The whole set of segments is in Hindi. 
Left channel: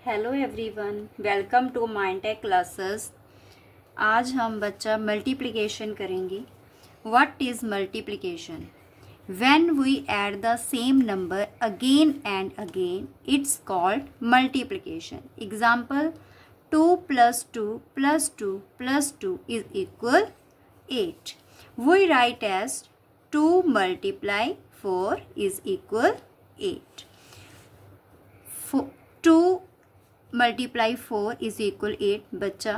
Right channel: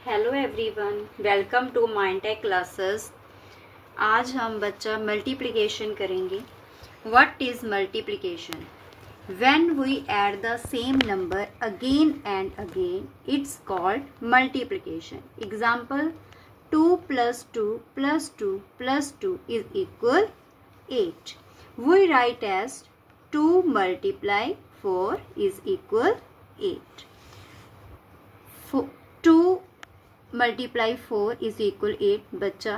Hello everyone, welcome to Mindtech classes. आज हम बच्चा मल्टीप्लिकेशन करेंगे। What is multiplication? When we add the same number again and again it's called multiplication. Example 2 + 2 + 2 + 2 is equal 8. We write as 2 × 4 is equal 8. 2 × 4 is equal 8। बच्चा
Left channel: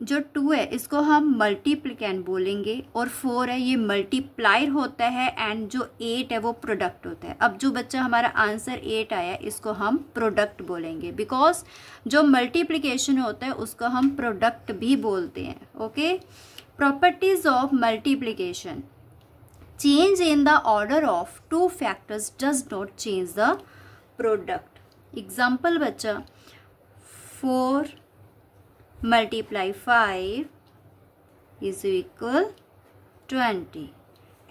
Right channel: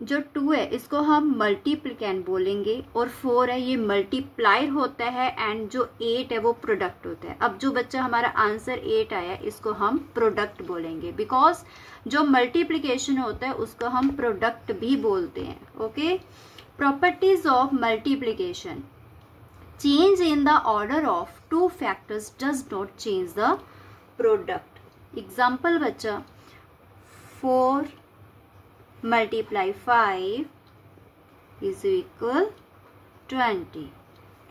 जो 2 है इसको हम मल्टीप्लिकेंट बोलेंगे और 4 है ये मल्टीप्लायर होता है एंड जो 8 है वो प्रोडक्ट होता है। अब जो बच्चा हमारा आंसर 8 आया इसको हम प्रोडक्ट बोलेंगे, बिकॉज जो मल्टीप्लिकेशन होता है उसको हम प्रोडक्ट भी बोलते हैं। Okay, properties of multiplication. Change in the order of 2 factors does not change the product. Example बच्चा 4 × 5 is equal 20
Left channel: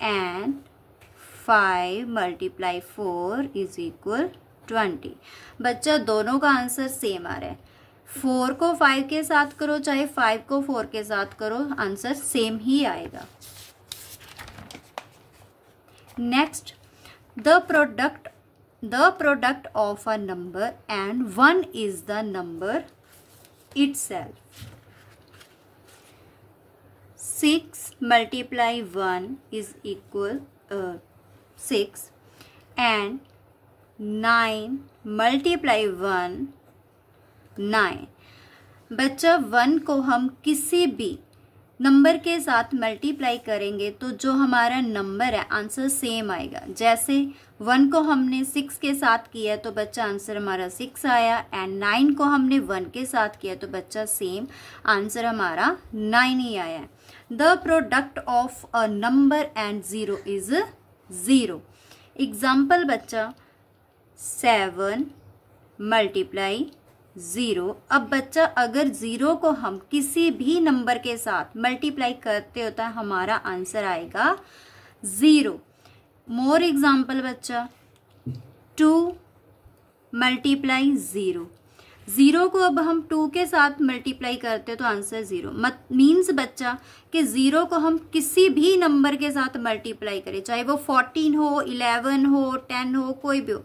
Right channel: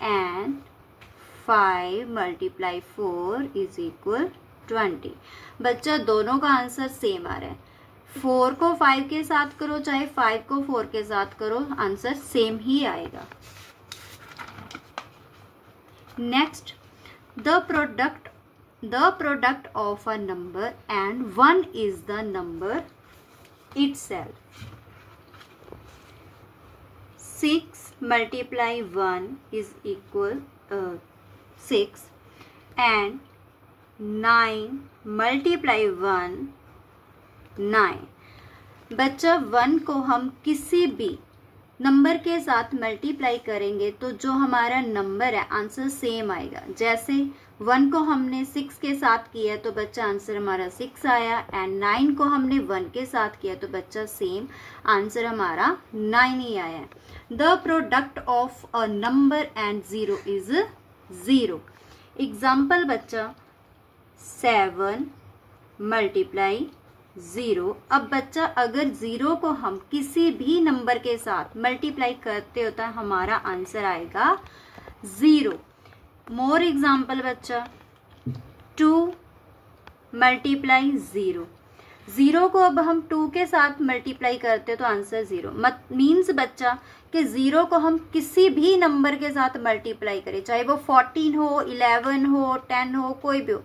and 5 × 4 is equal 20। बच्चा दोनों का आंसर सेम आ रहा है। 4 को 5 के साथ करो चाहे 5 को 4 के साथ करो, आंसर सेम ही आएगा। Next, the product of a number and 1 is the number itself. 6 × 1 is equal 6 and 9 × 1 9। बच्चा 1 को हम किसी भी नंबर के साथ मल्टीप्लाई करेंगे तो जो हमारा नंबर है आंसर सेम आएगा। जैसे 1 को हमने 6 के साथ किया तो बच्चा आंसर हमारा 6 आया एंड 9 को हमने 1 के साथ किया तो बच्चा सेम आंसर हमारा 9 ही आया। The product of a number and 0 is 0। Example बच्चा 7 × 0। अब बच्चा अगर 0 को हम किसी भी नंबर के साथ मल्टीप्लाई करते होता है हमारा आंसर आएगा 0। मोर एग्जाम्पल बच्चा 2 × 0। 0 को अब हम 2 के साथ मल्टीप्लाई करते तो आंसर 0। मीन्स बच्चा कि 0 को हम किसी भी नंबर के साथ मल्टीप्लाई करें, चाहे वो 14 हो, 11 हो, 10 हो, कोई भी हो,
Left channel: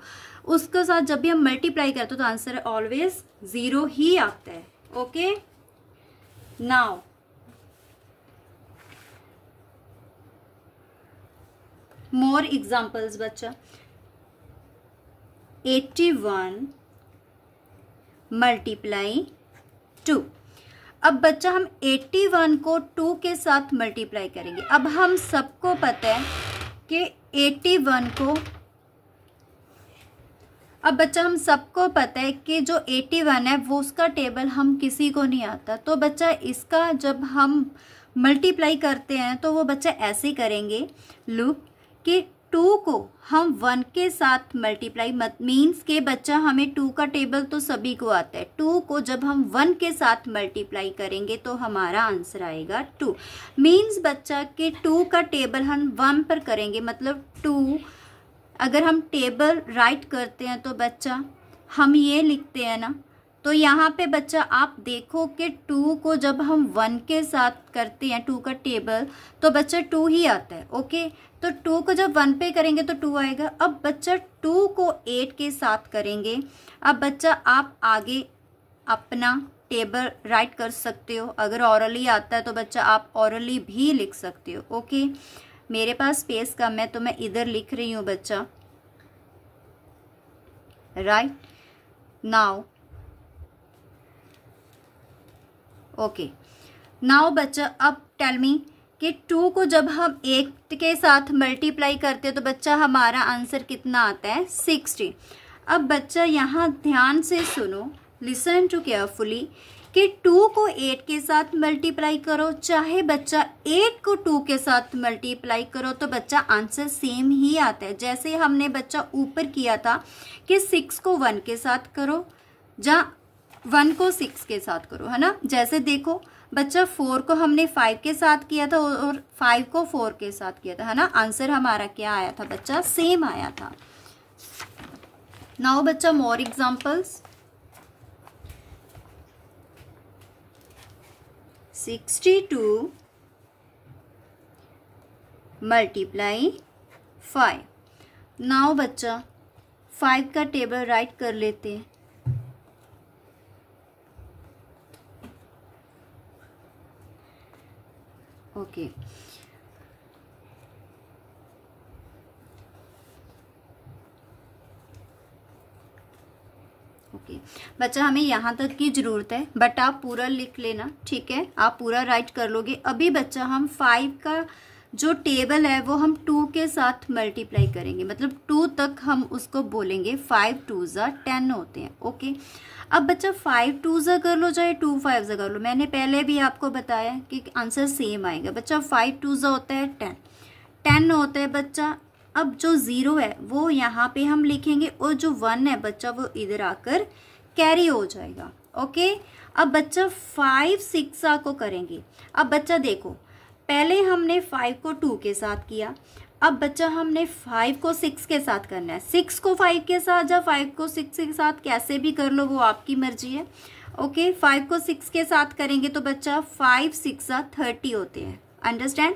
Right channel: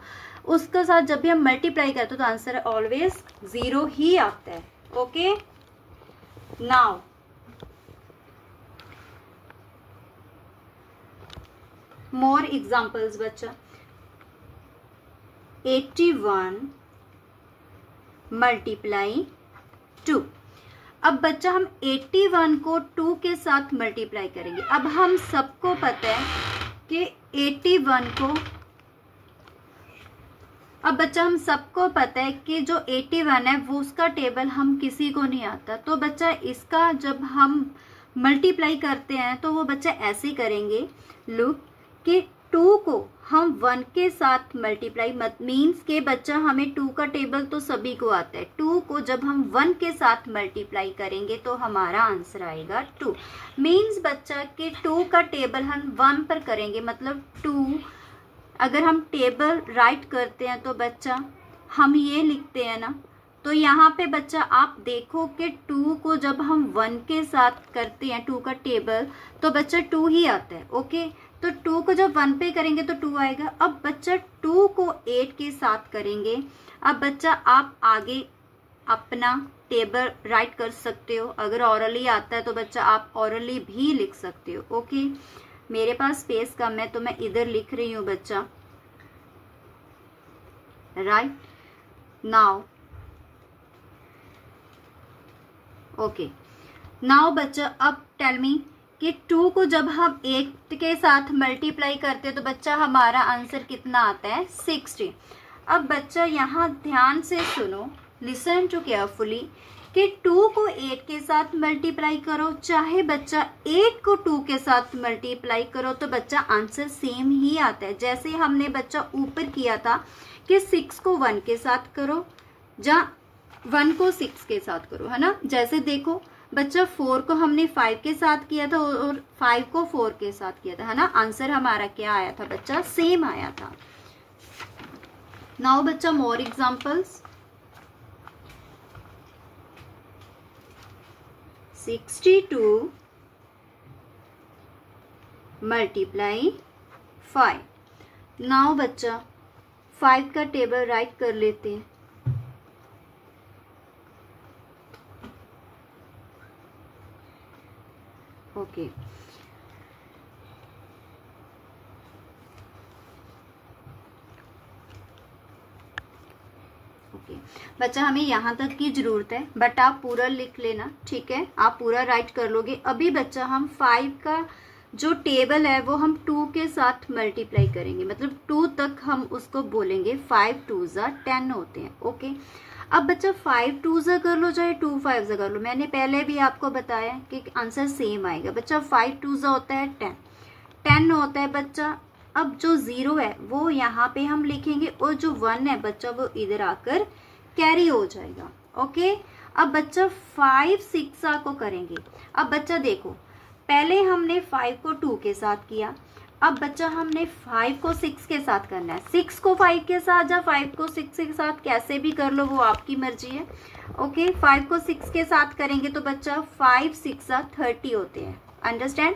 उसके साथ जब भी हम मल्टीप्लाई करते तो आंसर ऑलवेज 0 ही आता है। ओके, नाउ मोर एग्जाम्पल्स बच्चा 81 × 2। अब बच्चा हम 81 को 2 के साथ मल्टीप्लाई करेंगे। अब हम सबको पता है कि 81 को, अब बच्चा हम सबको पता है कि जो 81 है वो उसका टेबल हम किसी को नहीं आता, तो बच्चा इसका जब हम मल्टीप्लाई करते हैं तो वो बच्चा ऐसे करेंगे। लुक कि 2 को हम 1 के साथ मल्टीप्लाई मीन्स के बच्चा हमें 2 का टेबल तो सभी को आता है। 2 को जब हम 1 के साथ मल्टीप्लाई करेंगे तो हमारा आंसर आएगा 2। मीन्स बच्चा कि 2 का टेबल हम 1 पर करेंगे, मतलब 2 अगर हम टेबल राइट करते हैं तो बच्चा हम ये लिखते हैं ना, तो यहाँ पे बच्चा आप देखो कि 2 को जब हम 1 के साथ करते हैं 2 का टेबल तो बच्चा 2 ही आता है। ओके, तो 2 को जब 1 पे करेंगे तो 2 आएगा। अब बच्चा 2 को 8 के साथ करेंगे। अब बच्चा आप आगे अपना टेबल राइट कर सकते हो, अगर ऑरली आता है तो बच्चा आप ऑरली भी लिख सकते हो। ओके, मेरे पास स्पेस कम है तो मैं इधर लिख रही हूँ बच्चा, राइट नाउ। ओके, नाउ बच्चा अब टेल मी कि 2 को जब हम 8 के साथ मल्टीप्लाई करते हैं तो बच्चा हमारा आंसर कितना आता है 60। अब बच्चा यहाँ ध्यान से सुनो, लिसन टू केयरफुली कि 2 को 8 के साथ मल्टीप्लाई करो चाहे बच्चा 8 को 2 के साथ मल्टीप्लाई करो तो बच्चा आंसर सेम ही आता है। जैसे हमने बच्चा ऊपर किया था कि 6 को 1 के साथ करो या 1 को 6 के साथ करो, है ना। जैसे देखो बच्चा 4 को हमने 5 के साथ किया था और 5 को 4 के साथ किया था, है ना। आंसर हमारा क्या आया था बच्चा, सेम आया था। नाउ बच्चा मोर एग्जांपल्स। 62 मल्टीप्लाई 5। नाउ बच्चा 5 का टेबल राइट कर लेते हैं। ओके ओके बच्चा, हमें यहाँ तक की जरूरत है, बट आप पूरा लिख लेना, ठीक है? आप पूरा राइट कर लोगे। अभी बच्चा हम 5 का जो टेबल है वो हम 2 के साथ मल्टीप्लाई करेंगे, मतलब 2 तक हम उसको बोलेंगे। 5 2 10 होते हैं। ओके, अब बच्चा 5 2 कर लो, चाहे 2 5 कर लो, मैंने पहले भी आपको बताया कि आंसर सेम आएगा। बच्चा 5 2 होता है 10, 10 होता है बच्चा। अब जो 0 है वो यहाँ पे हम लिखेंगे, और जो 1 है बच्चा वो इधर आकर कैरी हो जाएगा। ओके, अब बच्चा 5 6 को करेंगे। अब बच्चा देखो, पहले हमने 5 को 2 के साथ किया, अब बच्चा हमने 5 को 6 के साथ करना है। 6 को 5 के साथ या 5 को 6 के साथ कैसे भी कर लो, वो आपकी मर्जी है। ओके, 5 को 6 के साथ करेंगे तो बच्चा 5 6 30 होते हैं। अंडरस्टैंड?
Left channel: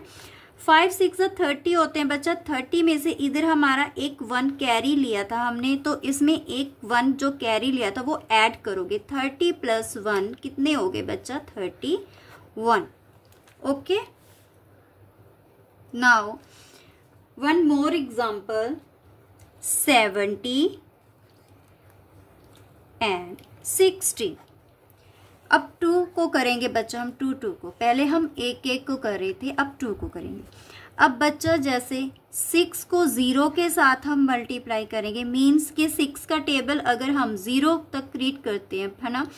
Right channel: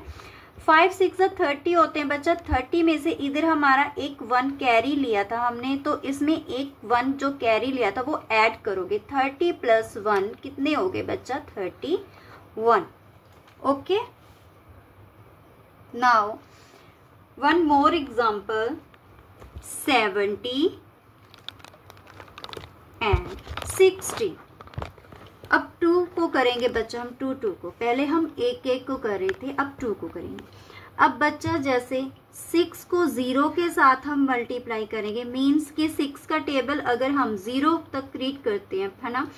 5 6 30 होते हैं बच्चा। 30 में से इधर हमारा एक 1 कैरी लिया था हमने, तो इसमें एक 1 जो कैरी लिया था वो ऐड करोगे। 30 + 1 कितने हो गए बच्चा? 31। Okay, now one more example. 70 and 60। अब 2 को करेंगे बच्चा हम, 2 2 को। पहले हम 1 1 को कर रहे थे, अब 2 को करेंगे। अब बच्चा जैसे 6 को 0 के साथ हम मल्टीप्लाई करेंगे, मीन्स कि 6 का टेबल अगर हम 0 तक रीड करते हैं, है ना,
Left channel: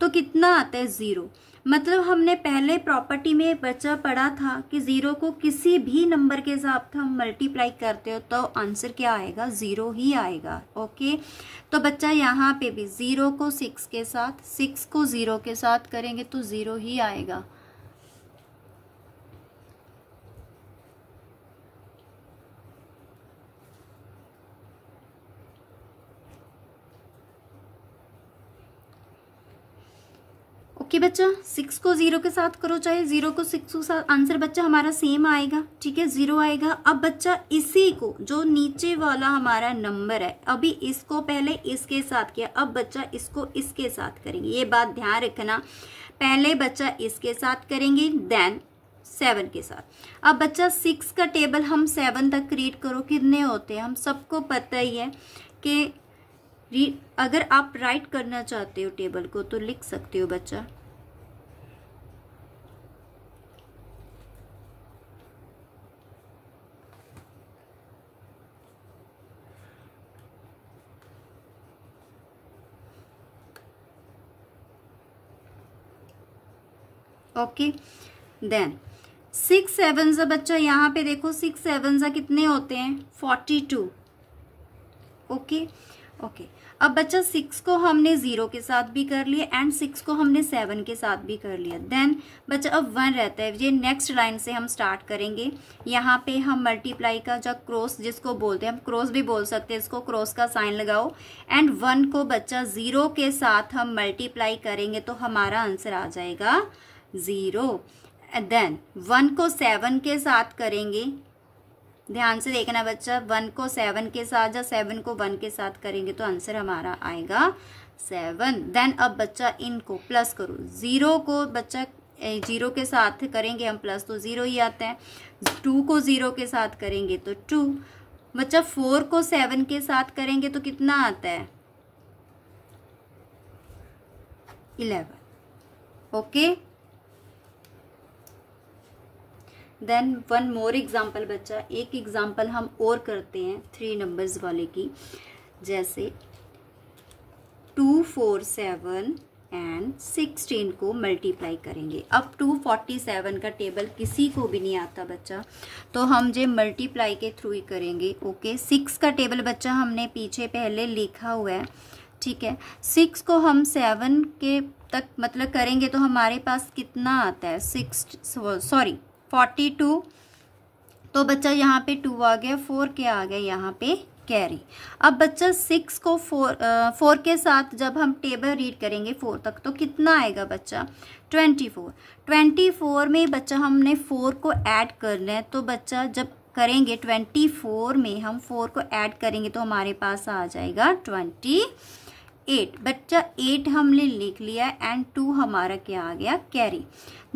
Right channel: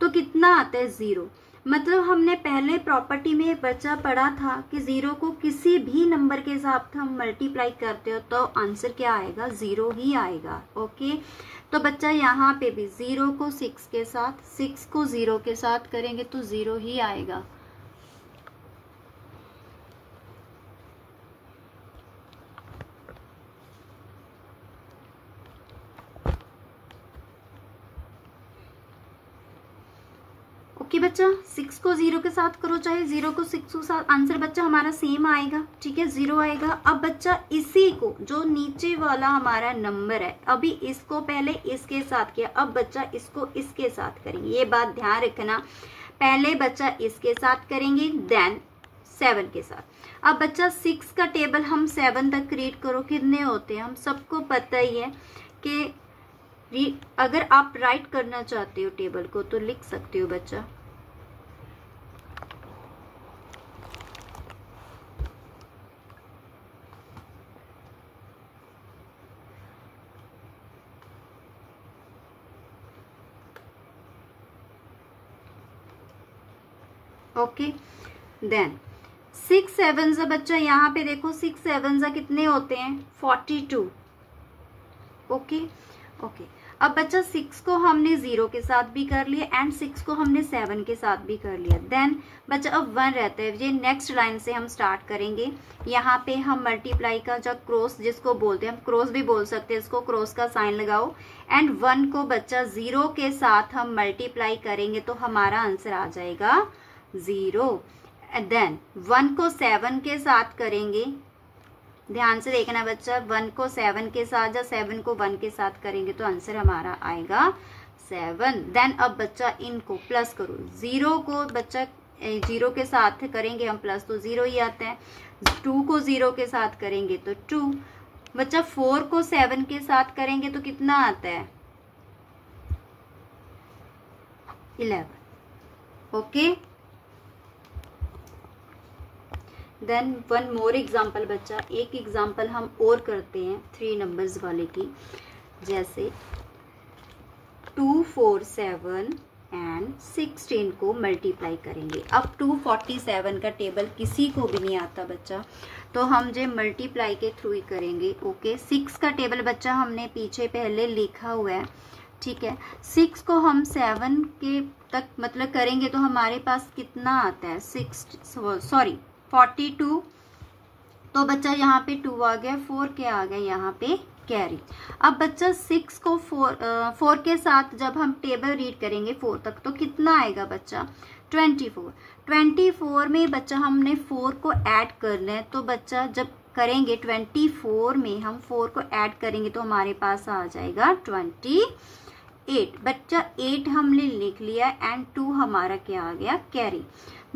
तो कितना आता है? 0। मतलब हमने पहले प्रॉपर्टी में बच्चा पढ़ा था कि 0 को किसी भी नंबर के साथ हम मल्टीप्लाई करते हो तो आंसर क्या आएगा? 0 ही आएगा। ओके, तो बच्चा यहाँ पे भी 0 को 6 के साथ, 6 को 0 के साथ करेंगे तो 0 ही आएगा। ओके बच्चा, 6 को 0 के साथ करो, चाहे 0 को 6 के साथ, आंसर बच्चा हमारा सेम आएगा। ठीक है, 0 आएगा। अब बच्चा इसी को, जो नीचे वाला हमारा नंबर है, अभी इसको पहले इसके साथ किया, अब बच्चा इसको इसके साथ करेंगे। ये बात ध्यान रखना, पहले बच्चा इसके साथ करेंगे, देन 7 के साथ। अब बच्चा 6 का टेबल हम 7 तक रीड करो, कितने होते हैं? हम सबको पता ही है कि अगर आप राइट करना चाहते हो टेबल को तो लिख सकते हो बच्चा। ओके, देन 6 7 बच्चा यहाँ पे देखो, 6 7 कितने होते हैं? 42। ओके ओके, अब बच्चा 6 को हमने 0 के साथ भी कर लिया एंड 6 को हमने 7 के साथ भी कर लिया। देन बच्चा अब 1 रहता है। ये नेक्स्ट लाइन से हम स्टार्ट करेंगे। यहाँ पे हम मल्टीप्लाई का जो क्रॉस जिसको बोलते हैं, हम क्रॉस भी बोल सकते हैं इसको, क्रॉस का साइन लगाओ एंड 1 को बच्चा 0 के साथ हम मल्टीप्लाई करेंगे तो हमारा आंसर आ जाएगा 0। देन 1 को 7 के साथ करेंगे, ध्यान से देखना बच्चा, 1 को 7 के साथ या 7 को 1 के साथ करेंगे तो आंसर हमारा आएगा 7। देन अब बच्चा इनको प्लस करो, 0 को बच्चा 0 के साथ करेंगे हम प्लस तो 0 ही आता है। 2 को 0 के साथ करेंगे तो 2। बच्चा 4 को 7 के साथ करेंगे तो कितना आता है? 11। ओके, देन 1 मोर एग्जाम्पल बच्चा, एक एग्जाम्पल हम और करते हैं 3 नंबर्स वाले की। जैसे 2 4 7 एंड 16 को मल्टीप्लाई करेंगे। अब 247 का टेबल किसी को भी नहीं आता बच्चा, तो हम जो मल्टीप्लाई के थ्रू ही करेंगे। ओके, 6 का टेबल बच्चा हमने पीछे पहले लिखा हुआ है, ठीक है। 6 को हम 7 के तक मतलब करेंगे तो हमारे पास कितना आता है? 42। तो बच्चा यहाँ पे 2 आ गया, 4 क्या आ गया? यहाँ पे कैरी। अब बच्चा 6 को 4 के साथ जब हम टेबल रीड करेंगे 4 तक तो कितना आएगा बच्चा 24। 24 में बच्चा हमने 4 को ऐड करना है, तो बच्चा जब करेंगे 24 में हम 4 को ऐड करेंगे तो हमारे पास आ जाएगा 28। बच्चा 8 हमने लिख लिया एंड 2 हमारा क्या आ गया कैरी।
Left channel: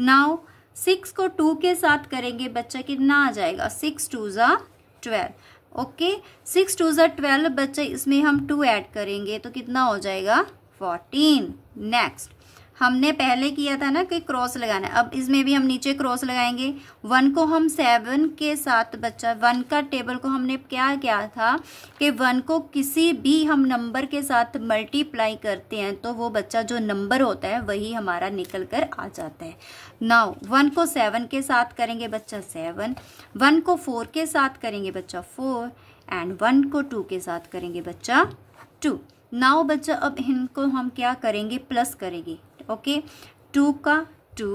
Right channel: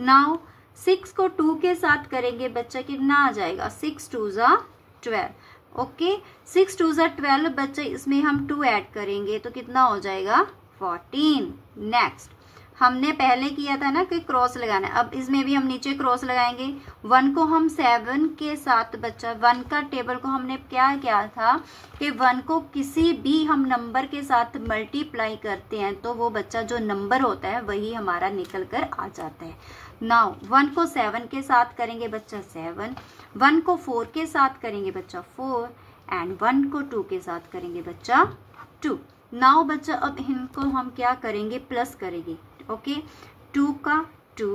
नाउ 6 को 2 के साथ करेंगे बच्चा कितना आ जाएगा 6 2 ज़ा 12। ओके 6 2 ज़ा 12 बच्चा इसमें हम 2 ऐड करेंगे तो कितना हो जाएगा 14। नेक्स्ट हमने पहले किया था ना कि क्रॉस लगाना है, अब इसमें भी हम नीचे क्रॉस लगाएंगे। 1 को हम 7 के साथ बच्चा 1 का टेबल को हमने क्या किया था कि 1 को किसी भी हम नंबर के साथ मल्टीप्लाई करते हैं तो वो बच्चा जो नंबर होता है वही हमारा निकल कर आ जाता है। नाउ 1 को 7 के साथ करेंगे बच्चा 7, 1 को 4 के साथ करेंगे बच्चा 4 एंड 1 को 2 के साथ करेंगे बच्चा 2। नाउ बच्चा अब इनको हम क्या करेंगे प्लस करेंगे। ओके 2 का 2,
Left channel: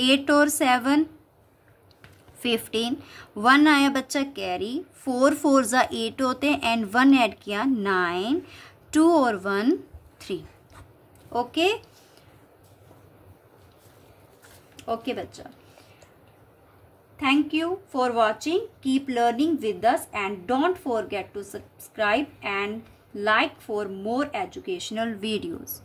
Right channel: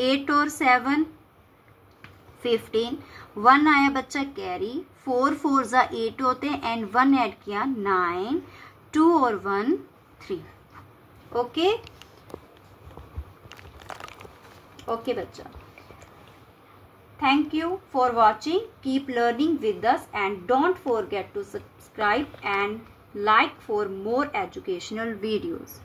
8 और 7 15, 1 आया बच्चा कैरी, 4 4 ज़ा 8 होते हैं एंड 1 ऐड किया 9, 2 और 1 3। ओके ओके बच्चा, thank you for watching. Keep learning with us and don't forget to subscribe and like for more educational videos.